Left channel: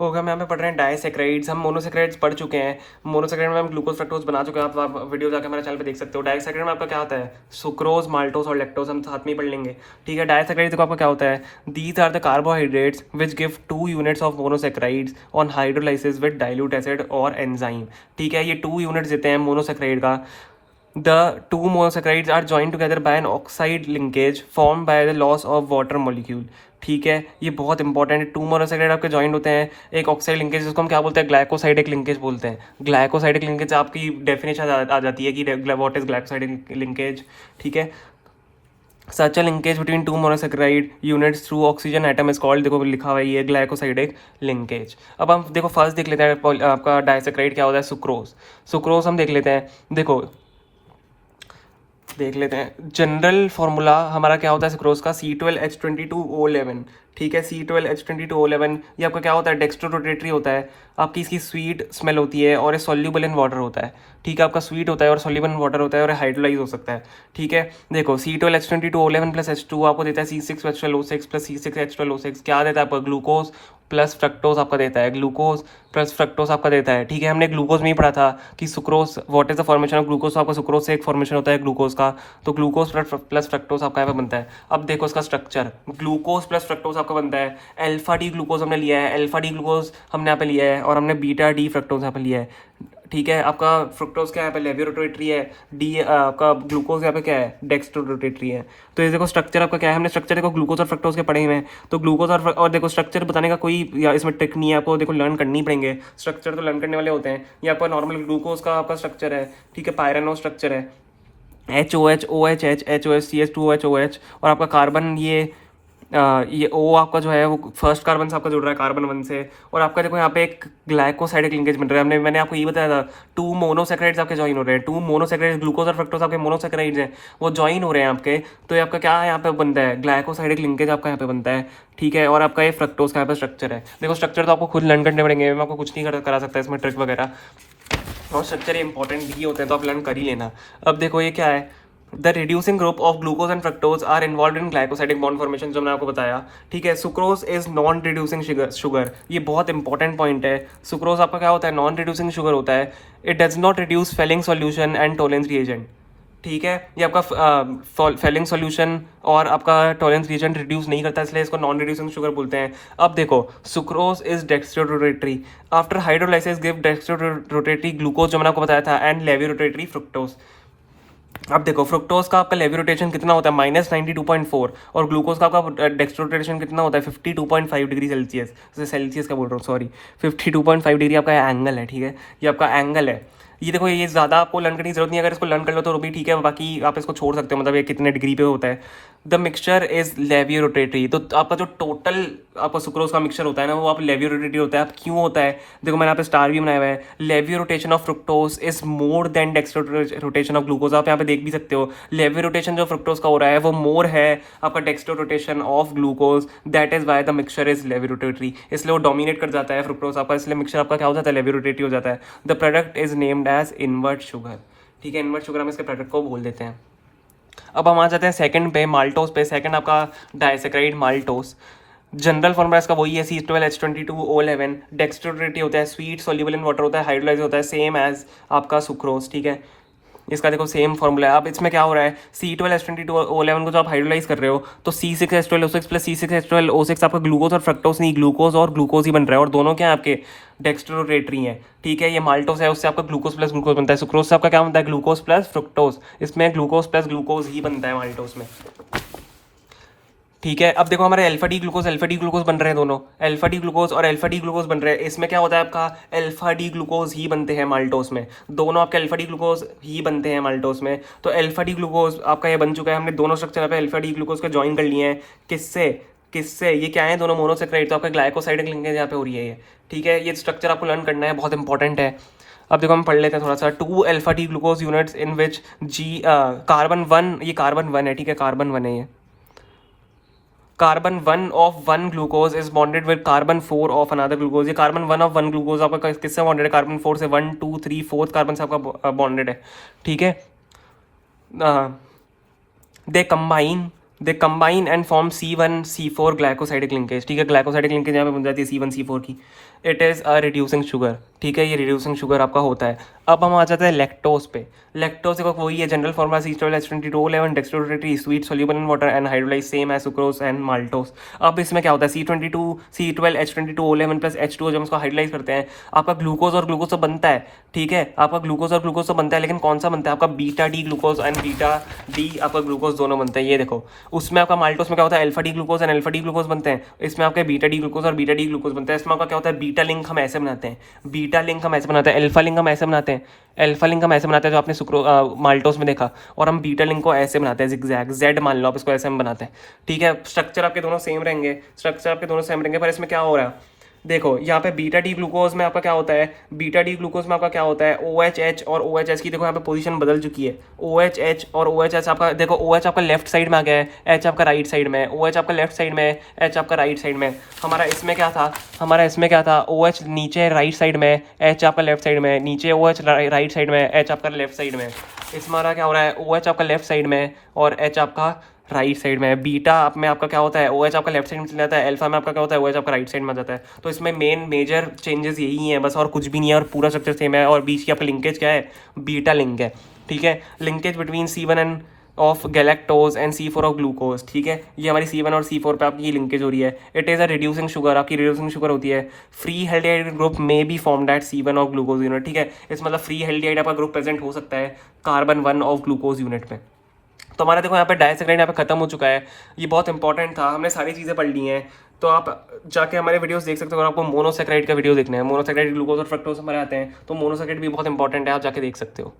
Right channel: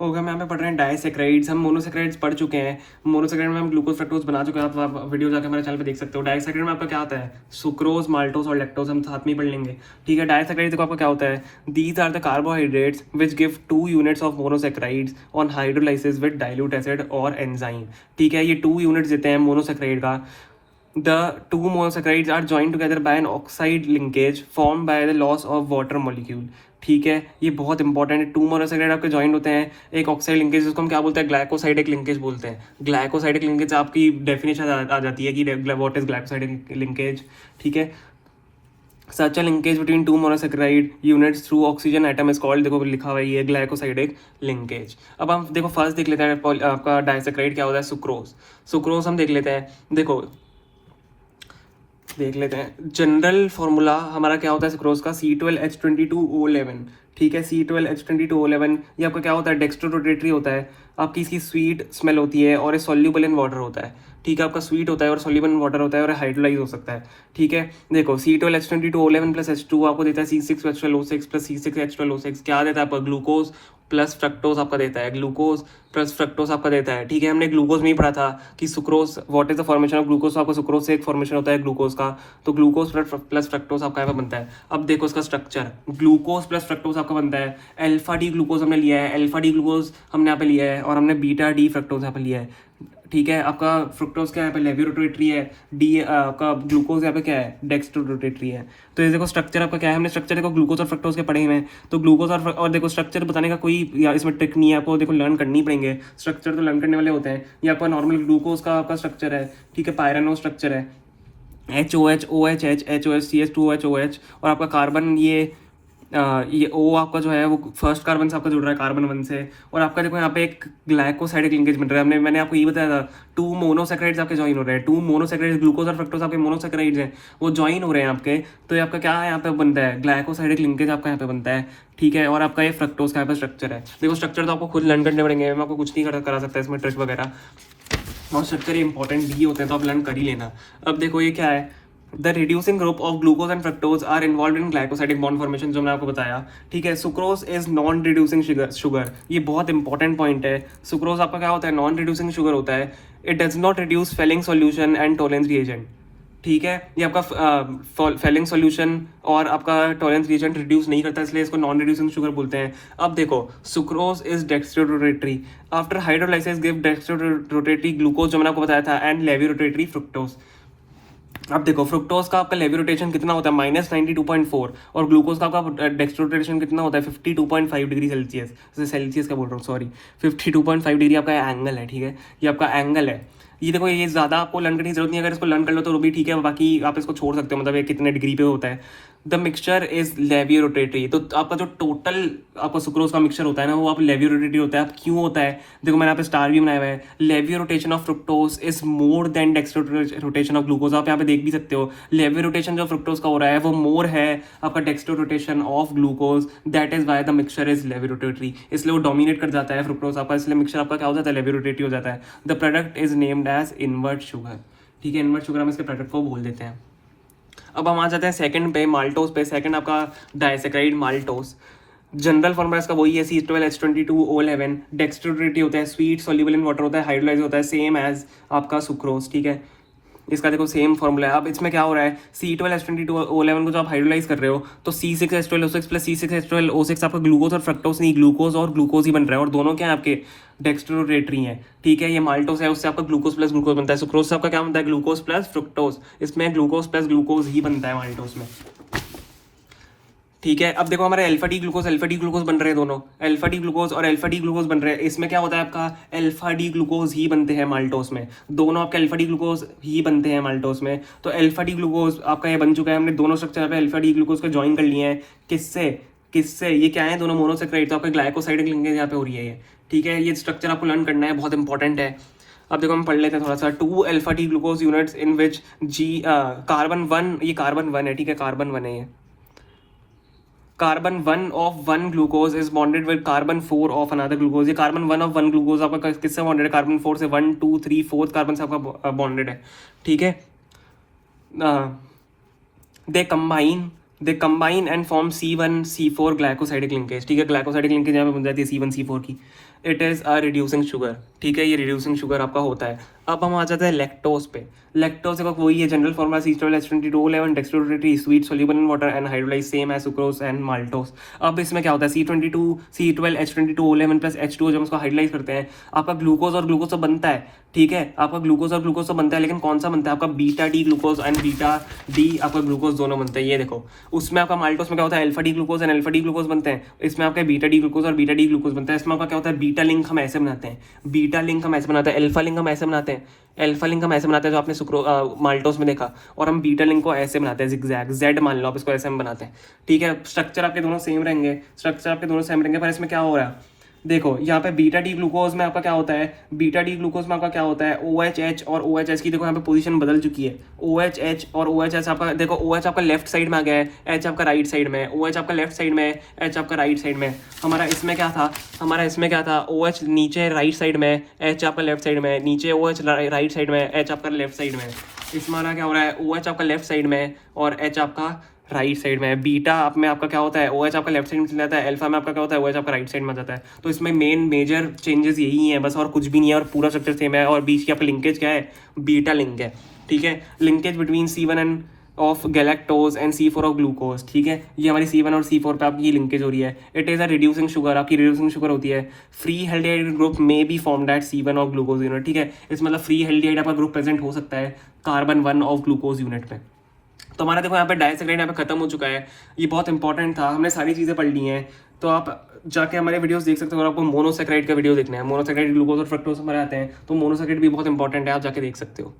होगा हम यहाँ पे पढ़ रहे हैं डाइसैकराइड्स। हम मोनोसैकराइड्स पढ़ चुके हैं। मोनोसैकराइड में हम ग्लूकोज फ्रक्टोज बना चुके हैं, आप वीडियो जाकर मेरे चैनल पे देख सकते हो। डाइसैकराइड में आपका क्या होता है, सुक्रोज, माल्टोज और लैक्टोज, हम साथ में ही पढ़ लेंगे। ठीक है, डाइसैकराइड देखो आपका क्या होता है, these are the carbohydrates which give 2 units of monosaccharides on hydrolysis with dilute acid और एंजाइम। ठीक है, ये 2 यूनिट्स देते हैं मोनोसैकराइड का। The two monosaccharides are joined together by an oxide linkage formed by the loss of water molecule। ठीक है, ये बहुत इंपॉर्टेंट है। 2 मोनोसैकराइड आपके जॉइंट होते हैं, एक ऑक्साइड लिंकेज, जिसको हम क्या बोलते हैं, ग्लाइकोसाइडिक लिंकेज बोलते हैं। ग्लाइकोसाइडिक लिंकेज आपकी डेफिनेशन आ जाती है कि व्हाट इज ग्लाइकोसाइडिक लिंकेज। ठीक है, सच a linkage between 2 monosaccharide units through oxygen atom is called, देखो लिखा हुआ है ये ग्लाइकोसाइडिक लिंकेज। अब हम देखो फर्स्ट देख लेते हैं आपका डाइसैकराइड क्या होता है, सुक्रोज। सुक्रोज हम देख लेते हैं, देखो देख लेते हैं। जनरल फॉर्मूला हमारा क्या होता है सुक्रोज का, C12H22O11। ठीक है, C12H22O11 ये आपका क्या होता है, डेक्स्ट्रो रोटेटरी होता है। आपकी इसकी स्वीट स्मेल होती है और ये सॉल्यूबल इन वाटर होता है। ठीक है, आपका स्वीट होता है और सॉल्यूबल इन वाटर होता है और हाइड्रोलाइज हो सकता है। ठीक है, देखो C12H22O11 प्लस H2 आपको देता है C6H12O6 प्लस C6H12O6, क्या देता है आपको, ग्लूकोज प्लस फ्रक्टोज आपका देता है, ग्लूकोज प्लस फ्रक्टोज आपका देता है। ठीक है, हमने ग्लूकोज में ही पढ़ा था कि sucrose, what is the formation of glucose, तो आपका सुक्रोज से एक फॉर्मेशन होता है ग्लूकोज का, तो ग्लूकोज प्लस फ्रक्टोज आपका यहाँ पे बनता है। अब देखो इसका स्ट्रक्चर, ग्लूकोज प्लस फ्रक्टोज आपका बनता है, अल्फा डी ग्लूकोज हमने लिया है, अल्फा डी ग्लूकोज हमने यहाँ पे लिया है, और हमने बीटा डी फ्रक्टोज यहाँ पे लिया है। ठीक है, आपका फ्रुक्टोज क्या यहाँ पे लेवियो रोटेटरी है, डी आपका ग्लूकोज यहाँ पे क्या है, डेक्स्ट्रो रोटेटरी है। तो ये देखो स्ट्रक्चर आपका क्या है, हमने स्ट्रक्चर देखो ग्लूकोज और फ्रक्टोज के पढ़े हुए हैं, तो ग्लूकोज और देखो स्ट्रक्चर बताने का कोई या इसमें ट्रिक नहीं है, आपको देखो लर्न करनी पड़ेंगे। स्ट्रक्चर तो लर्न करने वाले होते हैं। ये आपका नॉर्मल ग्लूकोज का आपका स्ट्रक्चर है। ठीक है, पायरेनो स्ट्रक्चर है, HOH OHH HOH CH2OH, और आपका कार्बन ये O आपका जो है वो फर्स्ट कार्बन से आपका जुड़ रहा है, कार्बन 1 से। और आपका देखो यहाँ पे एक ग्लाइकोसाइडिक लिंकेज बन रहा है। मैंने आपको ये बताया था 2 मोनोसैकराइड्स आपके ज्वाइन हो रहे हैं, 2 मोनोसैकराइड्स, ग्लूकोज और फ्रक्टोज आपके मोनोसैकराइड्स हैं, वो ज्वाइन हो रहे हैं आपके। तो ये आपका क्या है, यहाँ पे बनता है ग्लाइकोसाइडिक लिंकेज आपका यहाँ पे बनता है। ठीक है, और आपका ये फ्रक्टोज का यहाँ पे स्ट्रक्चर है। देखो स्ट्रक्चर तो आपको खुद लर्न करने पड़ेंगे, मैं आपको कुछ नहीं करा सकता इसमें ट्रिक वगैरह, और स्ट्रक्चर इंपॉर्टेंट भी होते हैं तो आप लर्न कर ही लेना। अब देखो ये क्या है, the reducing group of glucose and fructose are involved in glycosidic bond formation, जो मैंने आपको बताया। ठीक है, sucrose is non reducing sugar, ये बहुत इंपॉर्टेंट पॉइंट है। सुक्रोज आपका क्या होता है, नॉन रिड्यूसिंग शुगर होता है। It does not reduce Fehling solution and Tollens reagent. ठीक है, ये आपका फेलिंग सॉल्यूशन और आपका टॉलरेंस रिएजेंट रिड्यूस नहीं करता, इसलिए इसको नॉन रिड्यूसिंग शुगर बोलते हैं। अब देखो sucrose is dextro rotatory, after hydrolysis give dextro rotatory glucose, जो मैंने आपको बताया था, एंड लेवी रोटेटरी फ्रुक्टोज। अब देखो फ्रुक्टोज का आपका लेवी रोटेशन कितना होता है, -92.4, और ग्लूकोज का आपका डेक्स्ट्रो रोटेशन कितना होता है, 52.5 डिग्री सेल्सियस, सेल्सियस का बोल रहा हूँ सॉरी, 52.5 डिग्री आपका एंगल है। ठीक है, ये आपका एंगल है। ये देखो ये ज़्यादा आपको लर्न करने की जरूरत नहीं है, अगर इसको लर्न कर लो तो भी ठीक है, बाकी आप इसको छोड़ सकते हो, मतलब ये कितने डिग्री पे होता है। The mixture is levo rotatory, तो आपका जो टोटल आपका सुक्रोज का मिक्सचर होता है ना, वो आप लेवी रोटेटरी होता है। अब क्यों होता है, देखो मैंने यहाँ पे स्टार भी बनाया हुआ है, levo rotation of fructose is more than dextro rotation of glucose. आप यहाँ पे देख भी सकते हो, लेवी रोटेशन जो फ्रुक्टोज का हो रहा है वो मोर है आपका dextro rotation of glucose, that is why the mixture is levo rotatory, इसलिए वो डोमिनेट कर जाता है फ्रुक्टोज आपका, इसलिए मिक्सचर आपका क्या हो जाता है, लेवी रोटेटरी हो जाता है। The product is named as invert sugar. ठीक है, इनवर्ट शुगर हम इसके प्रोडक्ट को बोल देते हैं। अब हम आ जाते हैं सेकंड पे, माल्टोस पे। सेकंड आपका डाइसैकराइड माल्टोस, जनरल फॉर्मूला इसका वही है, C12H22O11, डेक्स्ट्रो रोटेटरी होता है, स्वीट सॉल्युबल इन वाटर होता है, हाइड्रोलाइज होता है, सेम एज आपका सुक्रोज। ठीक है, इसका देखो सेम फॉर्मूला है। अब इसमें क्या हो रहा है, C12H22O11 को जो आप हाइड्रोलाइज कर रहे हो, तो C6H12O6 प्लस C6H12O6 आपका ग्लूकोज और फ्रक्टोज नहीं, ग्लूकोज और ग्लूकोज ही बन रहा है, और दोनों क्या है आपके डेक्स्ट्रो रोटेटरी है। ठीक है, ये माल्टोस है, उससे आपका ग्लूकोज प्लस ग्लूकोज बनता है। सुक्रोज से आपका क्या बनता है, ग्लूकोज प्लस फ्रुक्टोज, इसमें ग्लूकोज प्लस ग्लूकोज ही बनता है माल्टोस में। ठीक है, अब देखो हमारे अल्फा डी ग्लूकोज बन रहे हैं, दोनों अल्फा डी ग्लूकोज और अल्फा डी ग्लूकोज बन रहे हैं। इसमें क्या होता है, आपका अल्फा डी ग्लूकोज ही बनते हैं माल्टोस में, दोनों आपके अल्फा डी ग्लूकोज ही बनते हैं माल्टोस में। तो अल्फा डी ग्लूकोज आपका ये बन चुका है, हमने दोनों स्ट्रक्चर पे अल्फा डी ग्लूकोज का ज्वाइन कर लिए हैं। किससे किससे, ये क्या है, दोनों मोनोसैकराइड, तो आपका ग्लाइकोसाइडिक लिंकेज यहाँ पे हो रही है ये। ठीक है, ये स्ट्रक्चर आपको लर्न करना है, बहुत इंपॉर्टेंट है। अब देखो हम पढ़ लेते हैं थोड़ा सा, 2 alpha D glucose units in which carbon 1, ये कार्बन 1 है। ठीक है, कार्बन 1 है ये, carbon 1 of 1 glucose is bonded with carbon 4 of another glucose. ये कार्बन 1 ऑफ 1 ग्लूकोज आपका किससे बॉन्डेड है, कार्बन 4 से, 1 2 3 4 कार्बन से आपका बॉन्डेड है। ठीक है, they combine they combine and form C1C4 glycosidic linkage, ठीक है, ग्लाइकोसाइडिक लिंकेज यहाँ पे बन जाती है C1C4 की। It is a reducing sugar, ठीक है, ये रिड्यूसिंग शुगर आपका होता है। अब हम आ जाते हैं लैक्टोज पे। लैक्टोज एक वही है, general formula C12H22O11 dextrorotatory sweet soluble in water and hydrolyse same as sucrose and maltose. अब इसमें क्या होता है, C12H22O11 प्लस H2O, जब इसको हाइड्रोलाइज करते हैं आपका ग्लूकोज और ग्लूकोज तो बनता है, ठीक है, आपका ग्लूकोज और ग्लूकोज तो बनता है, लेकिन कौन सा बनता है आपका beta D glucose and beta D आपका ग्लूकोज दोनों बनते हैं। ये देखो, उसमें आपका माल्टोस में क्या होता है, alpha D glucose and alpha D glucose बनते हैं, इसमें आपका बीटा डी ग्लूकोज और बीटा डी ग्लूकोज बनता है। इसमें आपका क्या होता है, बीटा लिंक हम ऐसे बनाते हैं, बीटा लिंक हम ऐसे बनाते हैं, अल्फा लिंक हम ऐसे बनाते हैं, अल्फा लिंक हम ऐसे बनाते हैं जो आपने माल्टोस में देखा, और हम बीटा लिंक को ऐसे बनाते हैं, जिगजैग जेड मान लो आप इसको, ऐसे हम बनाते हैं, ठीक है। स्ट्रक्चर आपके दोनों सेम रहेंगे, स्ट्रक्चर आपके दोनों सेम रहेंगे, पर इसमें क्या हो रहा है, देखो यहाँ पे बीटा डी ग्लूकोज में आपका क्या होता है, बीटा डी ग्लूकोज में आपका क्या होता है, OHH और OHS की देखो यहाँ पे पोजीशन बदल चुकी है। OHH और OHS आपका देखो, OH आपका लेफ्ट साइड में आ गया है, H आपका राइट साइड में है, OH आपका लेफ्ट साइड में है, H आपका राइट साइड में है। हमारा इसमें क्या था, OH नीचे राइट साइड में, H आपका लेफ्ट साइड में, नीचे OH राइट साइड में, H आपका लेफ्ट साइड में। इसमें हमारा क्या हो रहा है, OH आपका लेफ्ट साइड में और H आपका राइट साइड में है। बीटा में आपका क्या होता है, OH आपका लेफ्ट साइड में चला जाता है, अल्फा में आपका क्या होता है, OH आपका राइट साइड में जाता है। तो इसमें मेजर चेंजेस यही है बस, और कुछ भी नहीं है, और पूरा स्ट्रक्चर सेम है। और बीच की आपका लिंकेज क्या है, बीटा लिंक है, ठीक है, linkage between C1 end of galactose and C4 of glucose, ठीक है। ये हमारी C1 और C4 पे आपकी लिंकेज हो रही है। It is a reducing sugar, आपकी रिड्यूसिंग शुगर होती है। फ्री हेल्डिहाइड ग्रुप में be formed at C1 of glucose unit, ठीक है। इस मतलब फ्री हेल्डिहाइड आपका ग्रुप प्रेजेंट हो सकता है कार्बन 1 ऑफ ग्लूकोज यूनिट में। तो हमारा देखो यहाँ पे डाइसैकराइड यहाँ पे खत्म हो चुका है। ये बहुत इंपॉर्टेंट था, हमने सारी चीज़ें पढ़ ली हैं। तो आप जाके हमारे वीडियोस देख सकते हो। अगर आपको मोनोसैकराइड का वीडियो देखना है, मोनोसैकराइड ग्लूकोज और फ्रक्टोज हमारे आते हैं, तो मोनोसैकराइड भी बहुत इंपॉर्टेंट है, आप जाके देख सकते हो।